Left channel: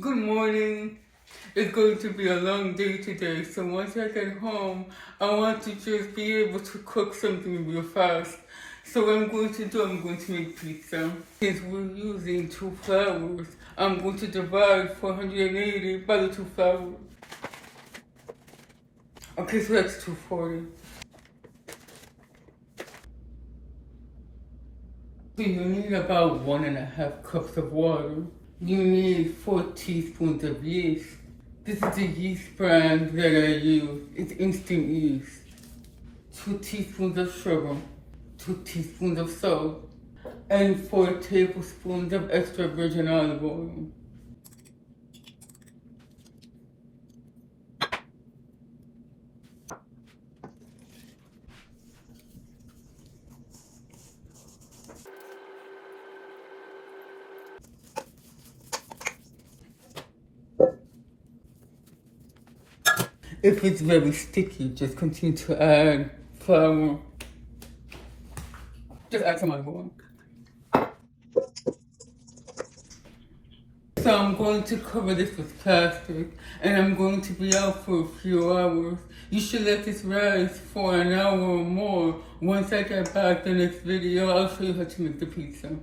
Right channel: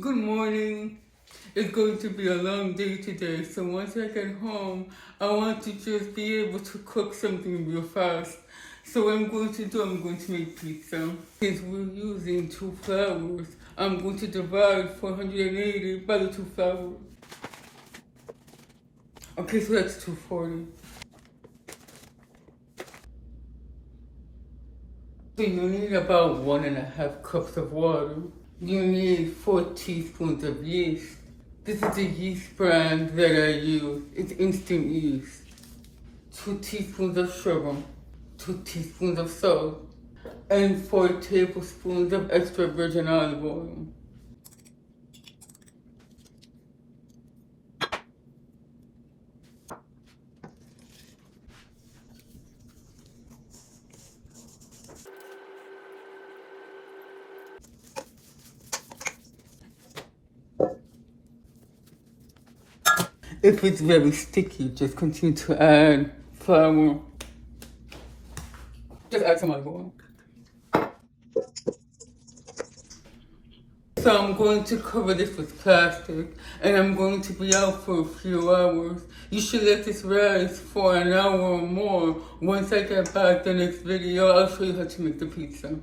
Good morning. It's going to be a long day today, so once I get home, I want to just be able to cook something real fast. So what I'm going to do, I'm going to make pizza. Since we're using 2 flours, I'm going to divide 480 by the 2 flours. Okay, so that's 240. So you need about 1.5 cups of water. You need 4 teaspoons of yeast. This is the yeast brand that I use. It's instant yeast. 2 teaspoons of sugar, 2 teaspoons of salt, and 4 tablespoons of extra virgin olive oil. If it's very sticky, just continue to add flour. Just add some olive oil. So I'm going to cover this with plastic and I'm going to be out for a few hours. You should let this rise for an hour or more. Once I get back the next video, I'll show you how to make the pizza.